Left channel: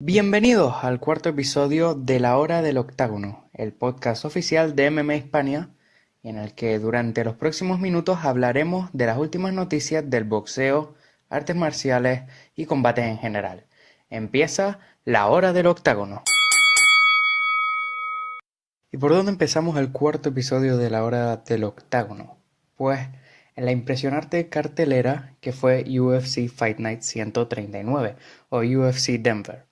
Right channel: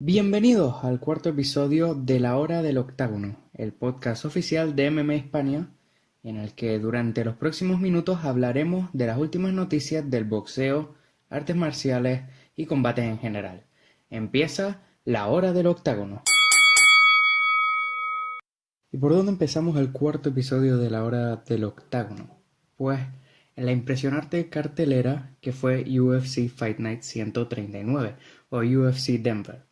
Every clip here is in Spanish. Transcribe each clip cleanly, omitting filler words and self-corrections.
Bienvenidos al cuarto episodio de La Hora del Octágono, el podcast oficial de MMA Hispania, en el que durante los próximos minutos hablaremos de las últimas noticias del boxeo, artes marciales y combates en general. Empieza La Hora del Octágono. ¿Y por dónde empezamos el cuarto episodio de La Hora del Octágono? Pues en la impresionante cartelera que fue UFC Fight Night 139 o UFC Denver.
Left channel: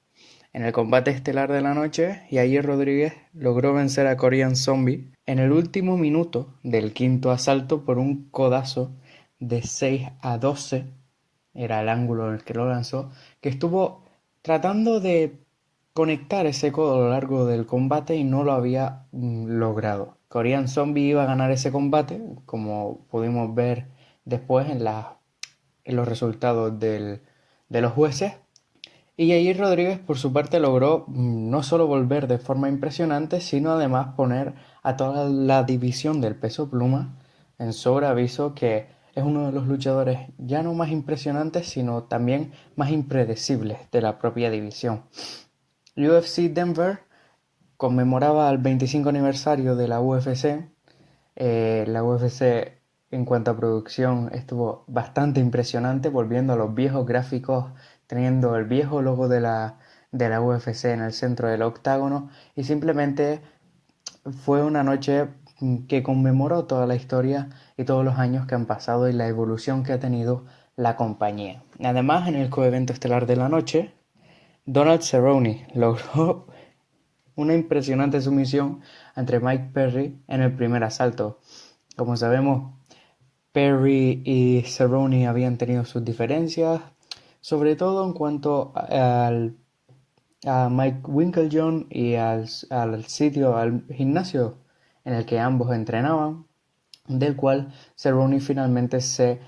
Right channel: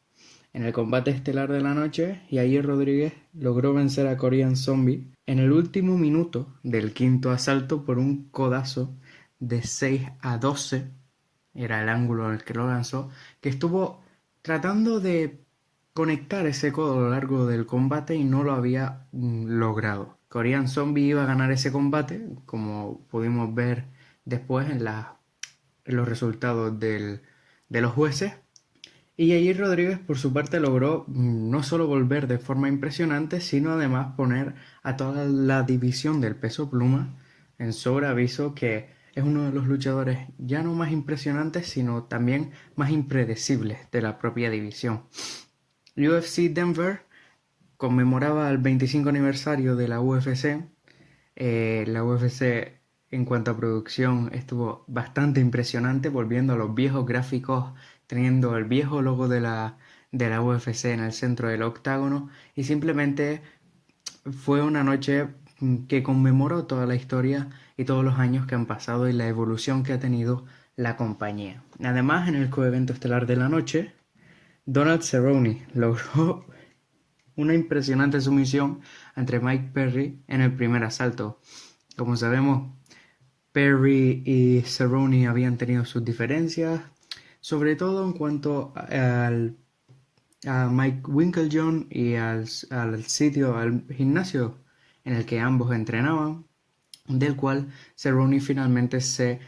En el combate estelar de la noche, Yair Rodríguez logró vencer a Korean Zombie en el último minuto del quinto asalto por un codazo de 6-12, era el ángulo en el que lo lanzó, que estuvo tratando de conectar ese codo a lo largo del combate y no lo había logrado. Korean Zombie iba a ganar ese combate, como pudimos ver después en los resultados de los jueces. Y Yair Rodríguez por su parte logró no solo volver de forma impresionante, sino además poner a toda la división del peso pluma en sobreaviso, que es uno de los luchadores ya no más impresionantes, sino también más impredecibles de la propia división. UFC Denver conmemoraba el 25 aniversario de la UFC. La UFC en cuanto a producción estuvo bastante impresionante, volviendo a los viejos gráficos, teniendo el viejo logo de la UFC en el centro del octágono, y simplemente fue una noche que conmemoró toda la historia y todos los años que han pasado y la evolución que ha tenido la compañía. Además, en el coevento estelar de la noche, Donald Cerrone logró una impresionante sumisión entre Mike Perry en el primer asalto. Como sabemos, Perry y Cerrone habían tenido sus diferencias, sobre todo en cuanto a Mike Winkeljohn y al gimnasio en el que ambos entrenaban, del cual Cerrone finalmente se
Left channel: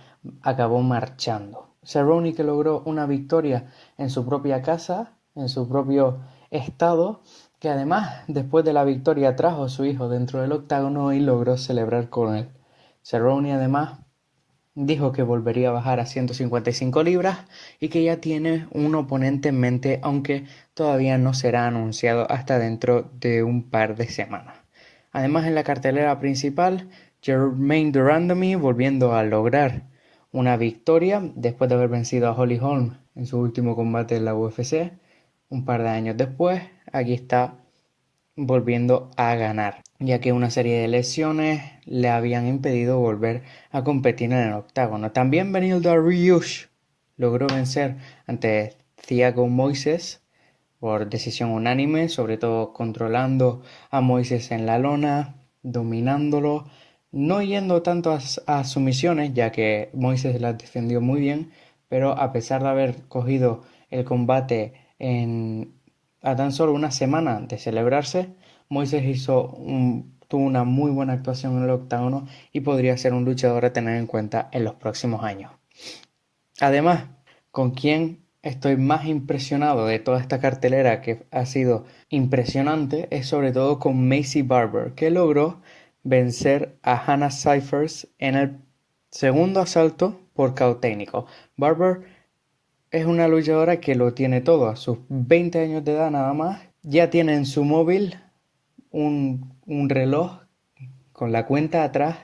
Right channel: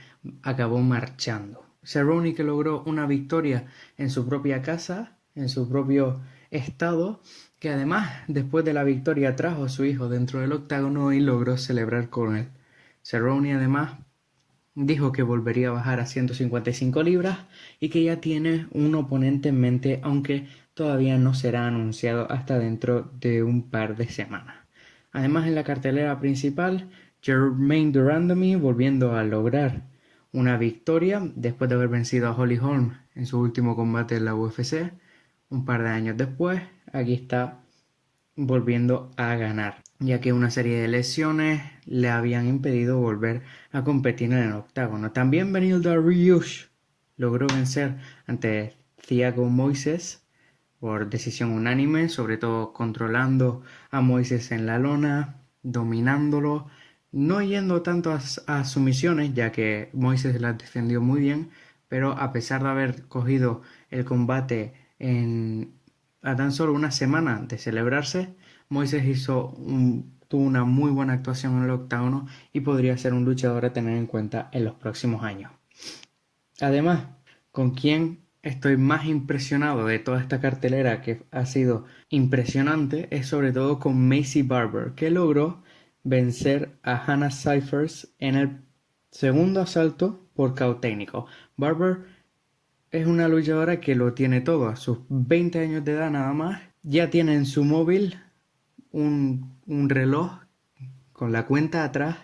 acabó marchando. Cerrone, que logró una victoria en su propia casa, en su propio estado, que además después de la victoria trajo a su hijo dentro del octágono y logró celebrar con él. Cerrone además dijo que volvería a bajar a 155 libras y que ya tiene un oponente en mente, aunque todavía no será anunciado hasta dentro de un par de semanas. Además, en la cartelera principal, Jermaine Durandamy volviendo a lograr una victoria después de haber vencido a Holly Holm en su último combate en la UFC. Un par de años después, aquí está volviendo a ganar, ya que una serie de lesiones le habían impedido volver a competir en el octágono. También Beneil Dariush logró vencer ante Thiago Moises por decisión unánime, sobre todo controlando a Moises en la lona, dominándolo, no yendo tanto a sumisiones, ya que Moises las defendió muy bien, pero a pesar de haber cogido el combate a tan solo una semana de celebrarse, Moises tuvo una muy buena actuación en el octágono y podría ser un luchador a tener en cuenta en los próximos años. Además, con quien estoy más impresionado de toda esta cartelera, que ha sido impresionante, es sobre todo con Maycee Barber, que logró vencer a Hannah Cifers en el segundo asalto por KO técnico. Barber es una luchadora que lo tiene todo. A sus 20 años de edad nada más, ya tiene en su móvil un reloj con la cuenta atrás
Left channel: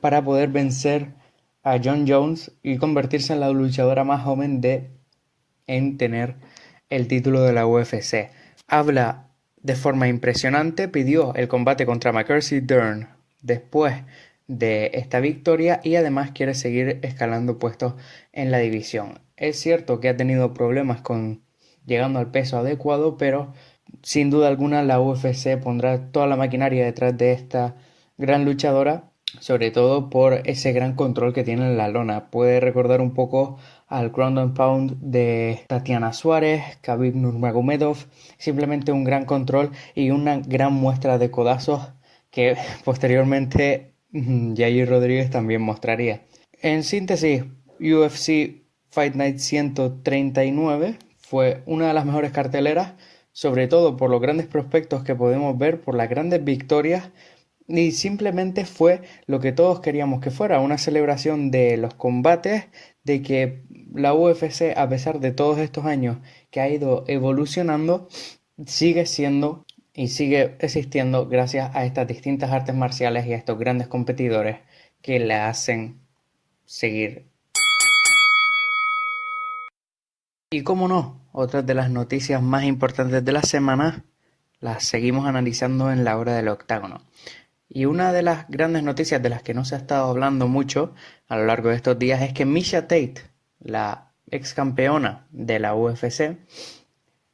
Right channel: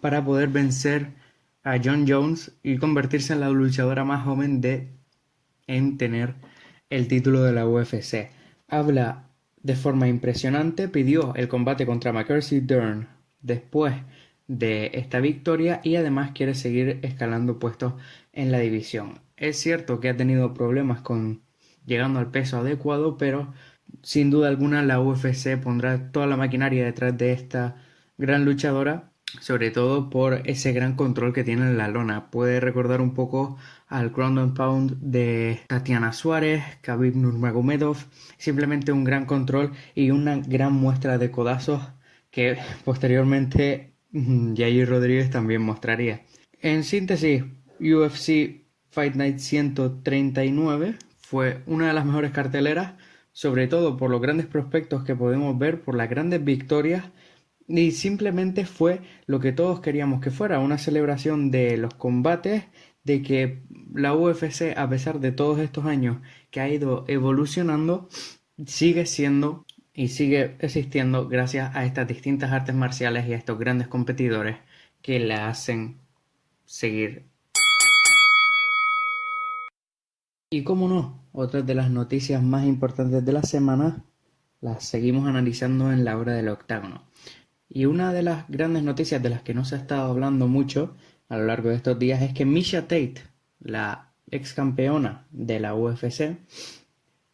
para poder vencer a Jon Jones y convertirse en la luchadora más joven en tener el título de la UFC. Habla de forma impresionante, pidió el combate contra Mackenzie Dern después de esta victoria y además quiere seguir escalando puestos en la división. Es cierto que ha tenido problemas con llegando al peso adecuado, pero sin duda alguna la UFC pondrá toda la maquinaria detrás de esta gran luchadora, sobre todo por ese gran control que tiene en la lona. Puede recordar un poco al ground and pound de Tatiana Suárez, Khabib Nurmagomedov, simplemente un gran control y una gran muestra de codazos que posteriormente Yair Rodríguez también mostraría. En síntesis, UFC Fight Night 139 fue una de las mejores carteleras, sobre todo por los grandes prospectos que podemos ver, por las grandes victorias, y simplemente fue lo que todos queríamos que fuera, una celebración de los combates, de que la UFC, a pesar de todos estos años que ha ido evolucionando, sigue siendo y sigue existiendo gracias a estas distintas artes marciales y a estos grandes competidores que le hacen seguir. Y cómo no, otras de las noticias más importantes de la semana las seguimos analizando en la hora del octágono. Y una de las grandes noticias de las que no se ha estado hablando mucho a lo largo de estos días es que Miesha Tate, la ex campeona de la UFC,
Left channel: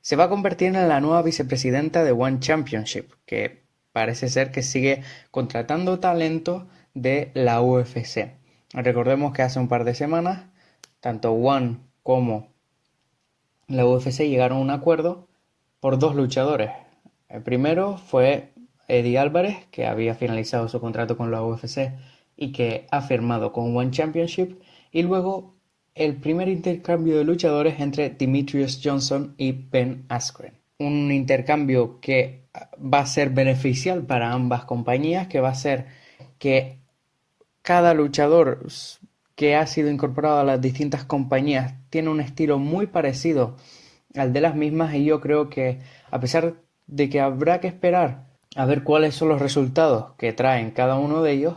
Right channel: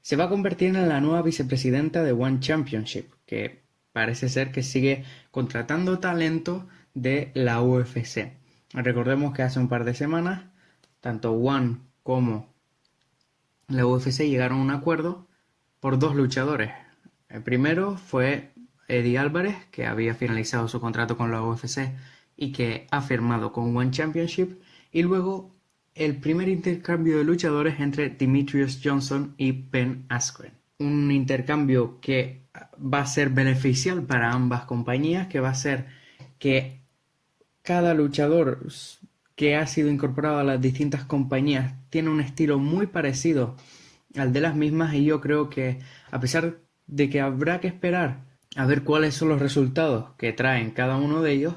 se va a convertir en la nueva vicepresidenta de One Championship, que parece ser que sigue contratando talento de la UFC. Recordemos que hace un par de semanas, tanto One como la UFC llegaron a un acuerdo por dos luchadores. El primero fue Eddie Álvarez, que había finalizado su contrato con la UFC y que ha firmado con One Championship, y luego el primer intercambio de luchadores entre Demetrious Johnson y Ben Askren. Un intercambio que va a ser beneficial para ambas compañías, que va a ser que cada luchador que ha sido incorporado a las distintas compañías tiene un estilo muy parecido al de las mismas, y yo creo que, a pesar de que habrá que esperar a ver cuáles son los resultados que traen cada uno de ellos,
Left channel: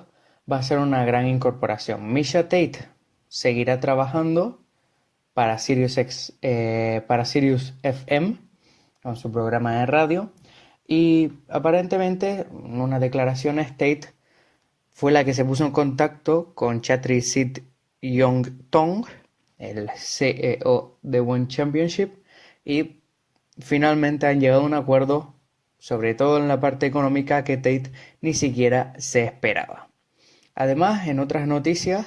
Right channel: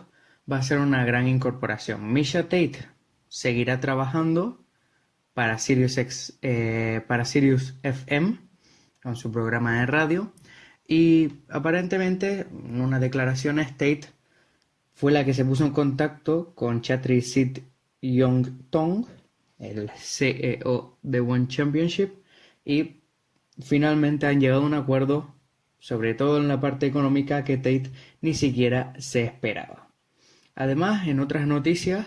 va a ser una gran incorporación. Miesha Tate seguirá trabajando para Sirius FM con su programa de radio, y aparentemente en unas declaraciones Tate fue la que se puso en contacto con Chatri Sid Yong-tong, el CEO de One Championship, y finalmente han llegado a un acuerdo, sobre todo en la parte económica, que Tate ni siquiera se esperaba. Además, en otras noticias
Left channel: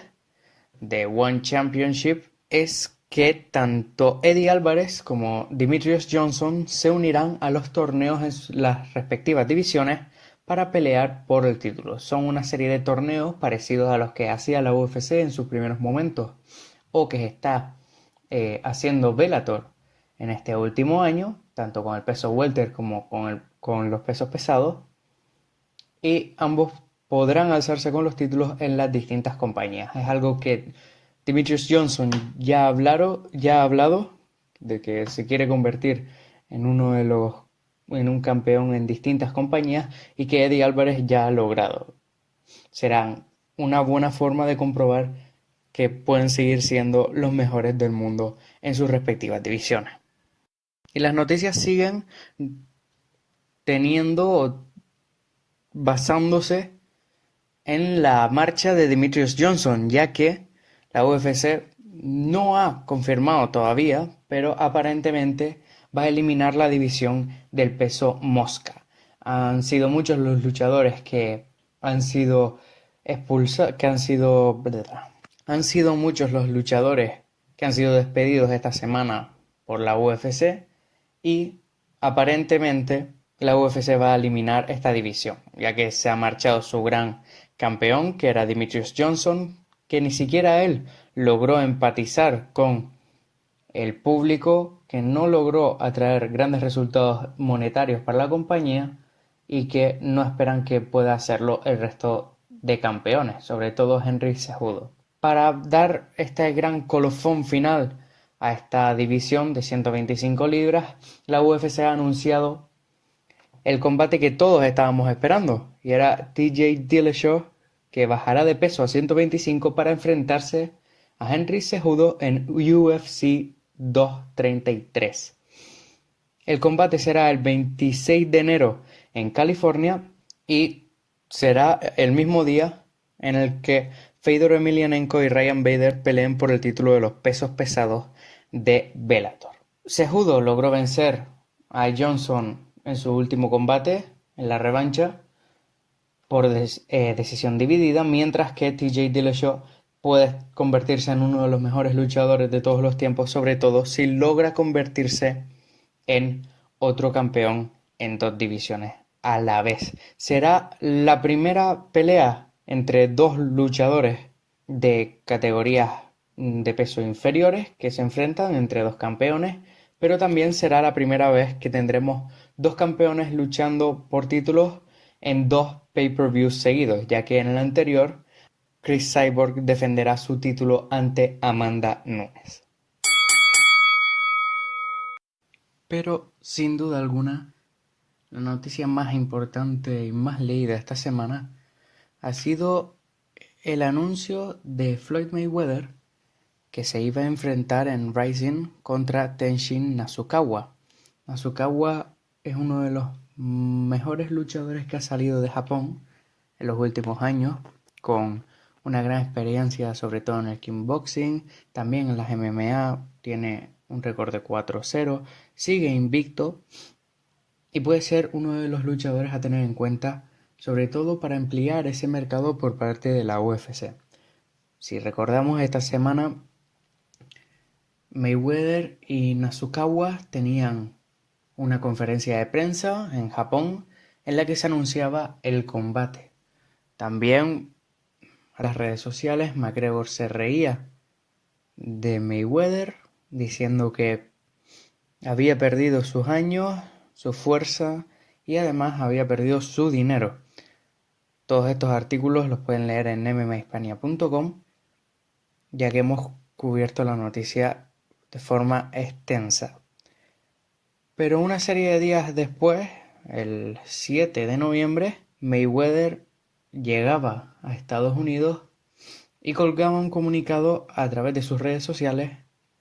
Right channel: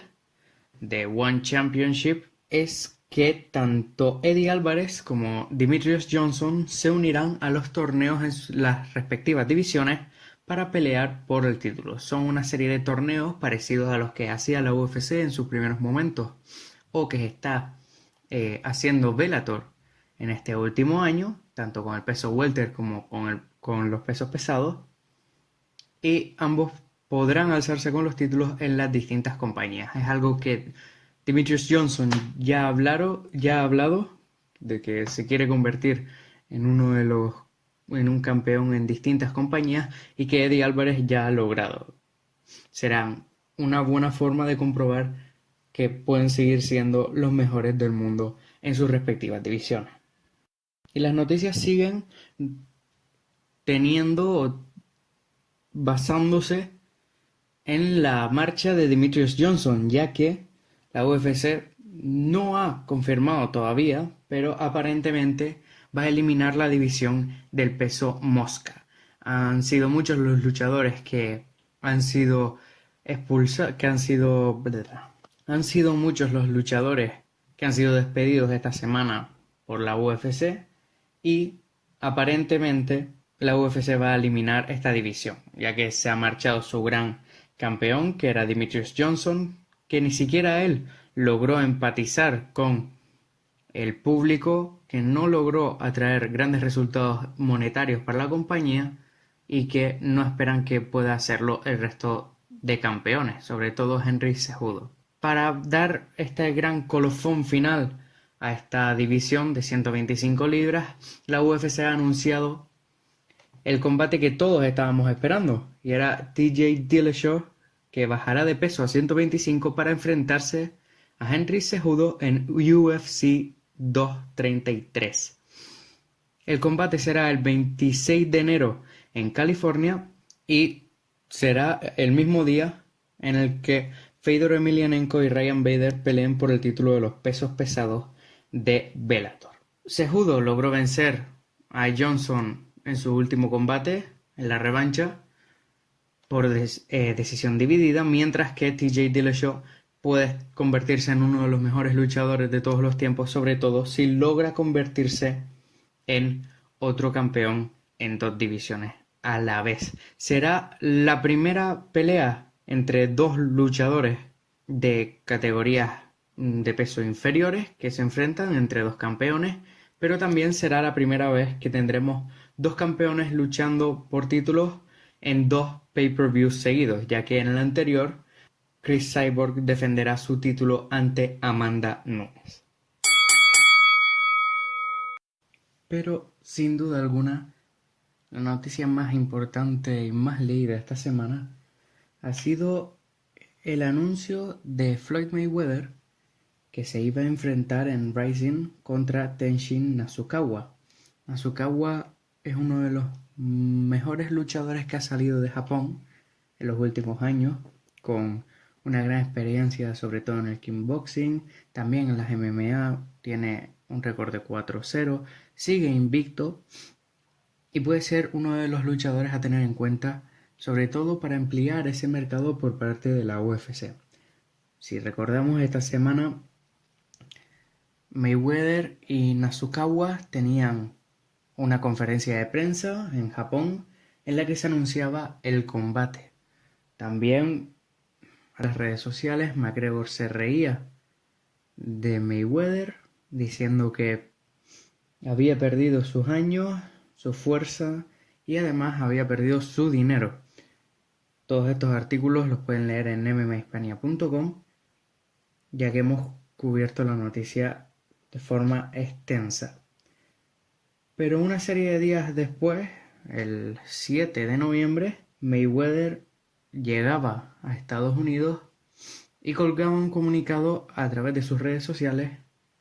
de One Championship, es que tanto Eddie Álvarez como Demetrious Johnson se unirán a los torneos en las respectivas divisiones para pelear por el título. Son una serie de torneos parecidos a los que hacía la UFC en sus primeros momentos, o que está haciendo Bellator en este último año, tanto con el peso welter como con los pesos pesados, y ambos podrán alzarse con los títulos en las distintas compañías. Es algo que Demetrious Johnson ya ha hablado de que se quiere convertir en un campeón en distintas compañías, y que Eddie Álvarez ya ha logrado. Será una buena forma de comprobar que pueden seguir siendo los mejores del mundo en sus respectivas divisiones. Y las noticias siguen basándose en la marcha de Demetrious Johnson, ya que la UFC no ha confirmado todavía, pero aparentemente va a eliminar la división del peso mosca. Han sido muchos los luchadores que han sido expulsados, han sido muchos los luchadores que han sido despedidos esta semana por la UFC, y aparentemente la UFC va a eliminar esta división, ya que se ha marchado su gran campeón, que era Demetrious Johnson, que ni siquiera él logró empatizar con el público, que no logró atraer grandes resultados monetarios para la compañía, y que no esperan que pueda hacerlo el resto de campeones, sobre todo Henry Cejudo. Para dar este gran colofón final a esta división de 125 libras, la UFC ha anunciado el combate que todos estábamos esperando, y era TJ Dillashaw, que bajará de peso a 125 para enfrentarse a Henry Cejudo en UFC 233. El combate será el 26 de enero en California, y será el mismo día en el que Fedor Emelianenko y Ryan Bader peleen por el título de los pesos pesados de Bellator. Cejudo logró vencer a Johnson en su último combate, en la revancha, por decisión dividida, mientras que TJ Dillashaw puede convertirse en uno de los mejores luchadores de todos los tiempos, sobre todo si logra convertirse en otro campeón en dos divisiones a la vez. Será la primera pelea entre dos luchadores de categorías de peso inferiores que se enfrentan entre dos campeones, pero también será la primera vez que tendremos dos campeones luchando por títulos en dos pay-per-views seguidos, ya que en el anterior Cris Cyborg defenderá su título ante Amanda Nunes. Pero sin duda alguna, la noticia más importante y más leída esta semana ha sido el anuncio de Floyd Mayweather que se iba a enfrentar en Rising contra Tenshin Nasukawa. Nasukawa es uno de los mejores luchadores que ha salido de Japón en los últimos años, con una gran experiencia sobre todo en el kickboxing, también en las MMA, tiene un récord de 4-0, sigue invicto y puede ser uno de los luchadores a tener en cuenta, sobre todo para ampliar ese mercado por parte de la UFC. Si recordamos, esta semana Mayweather y Nasukawa tenían una conferencia de prensa en Japón en la que se anunciaba el combate. También a las redes sociales McGregor se reía de Mayweather diciendo que había perdido sus años, su fuerza y además había perdido su dinero. Todos estos artículos los pueden leer en mmahispania.com, ya que hemos cubierto la noticia de forma extensa. Pero una serie de días después, el 7 de noviembre, Mayweather llegaba a Estados Unidos y colgaba un comunicado a través de sus redes sociales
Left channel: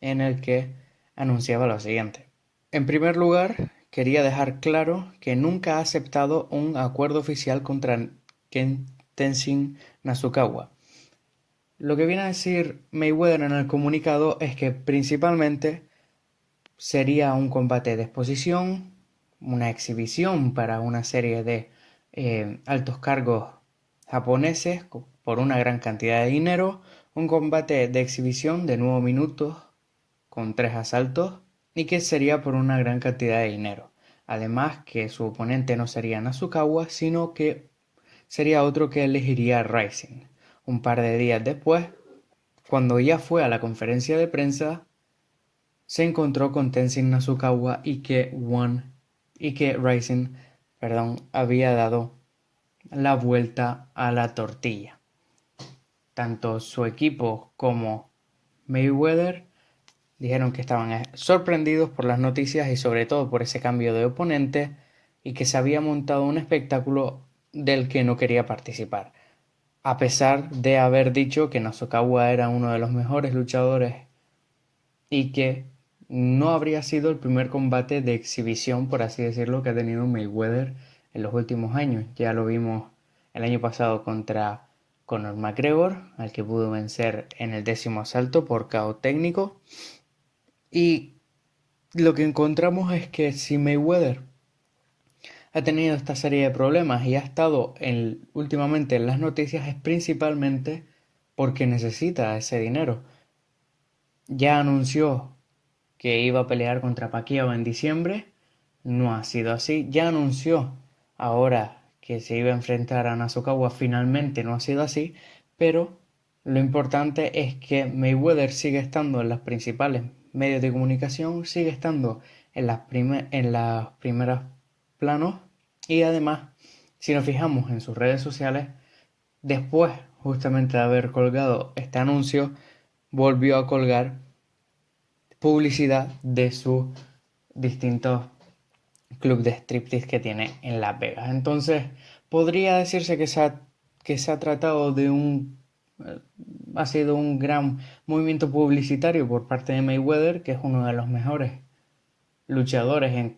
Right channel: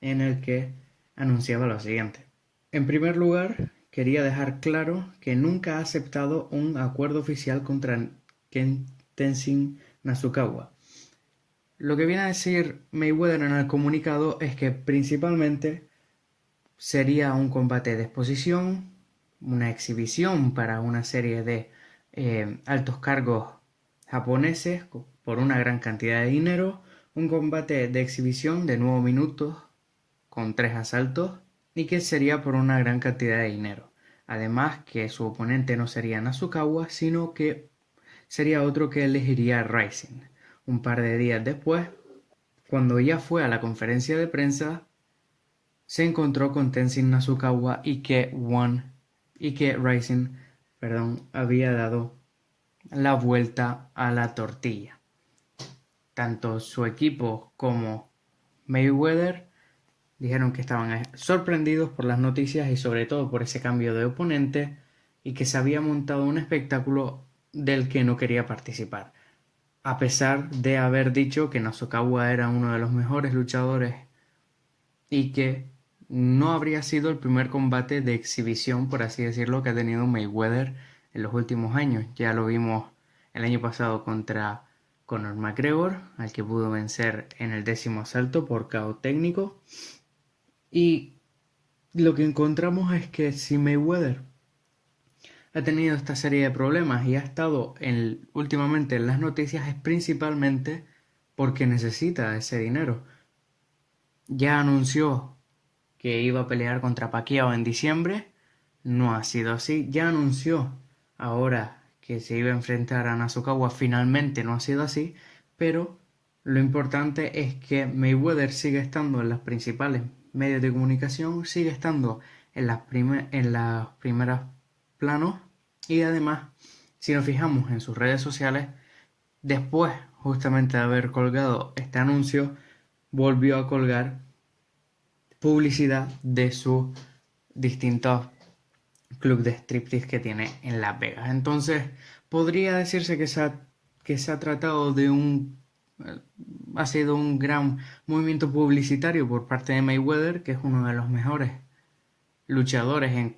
en el que anunciaba lo siguiente. En primer lugar, quería dejar claro que nunca ha aceptado un acuerdo oficial contra Tenshin Nasukawa. Lo que viene a decir Mayweather en el comunicado es que principalmente sería un combate de exposición, una exhibición para una serie de altos cargos japoneses por una gran cantidad de dinero, un combate de exhibición de 9 minutos con 3 asaltos y que sería por una gran cantidad de dinero. Además que su oponente no sería Nasukawa, sino que sería otro que elegiría Rising. Un par de días después, cuando ya fue a la conferencia de prensa, se encontró con Tenshin Nasukawa y que Rising había dado la vuelta a la tortilla. Tanto su equipo como Mayweather dijeron que estaban sorprendidos por las noticias y sobre todo por ese cambio de oponente y que se había montado un espectáculo del que no quería participar, a pesar de haber dicho que Nasukawa era uno de los mejores luchadores y que no habría sido el primer combate de exhibición, por así decirlo, que ha tenido Mayweather en los últimos años. Ya lo vimos el año pasado contra Conor McGregor, al que pudo vencer en el 10º asalto por KO técnico. Y lo que encontramos es que si Mayweather ha tenido esta serie de problemas y ha estado últimamente en las noticias, es principalmente porque necesita ese dinero. Ya anunció que iba a pelear contra Pacquiao en diciembre, no ha sido así. Ya anunció ahora que se iba a enfrentar a Nasukawa, finalmente no ha sido así, pero lo importante es que Mayweather sigue estando en los principales medios de comunicación, sigue estando en los primeros planos y además, si nos fijamos en sus redes sociales, después justamente de haber colgado este anuncio, volvió a colgar publicidad de sus distintos clubes de striptease que tiene en Las Vegas. Entonces, podría decirse que se ha tratado de ha sido un gran movimiento publicitario por parte de Mayweather, que es uno de los mejores luchadores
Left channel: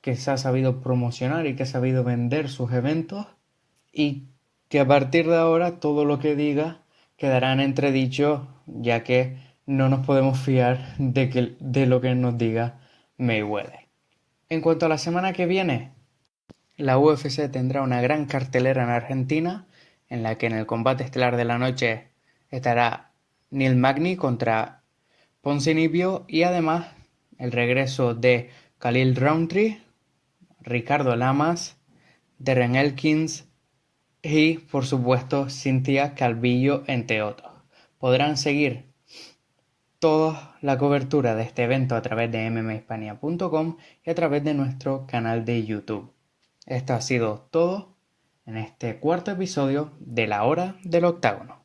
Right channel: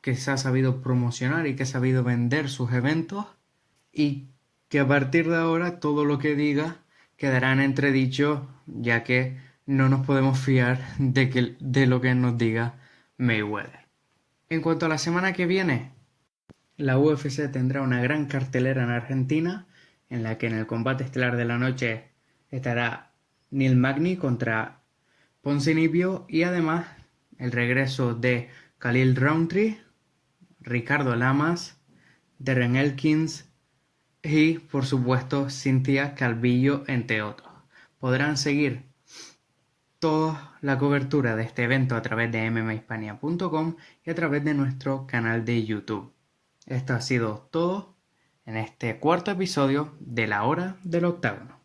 que se ha sabido promocionar y que ha sabido vender sus eventos, y que a partir de ahora todo lo que diga quedará en entredicho, ya que no nos podemos fiar de lo que nos diga Mayweather. En cuanto a la semana que viene, la UFC tendrá una gran cartelera en Argentina, en la que en el combate estelar de la noche estará Neil Magny contra Ponzinibbio y además el regreso de Khalil Rountree, Ricardo Lamas, Darren Elkins y por supuesto Cynthia Calvillo, entre otros. Podrán seguir toda la cobertura de este evento a través de mmahispania.com y a través de nuestro canal de YouTube. Esto ha sido todo en este 4º episodio de La Hora del Octágono.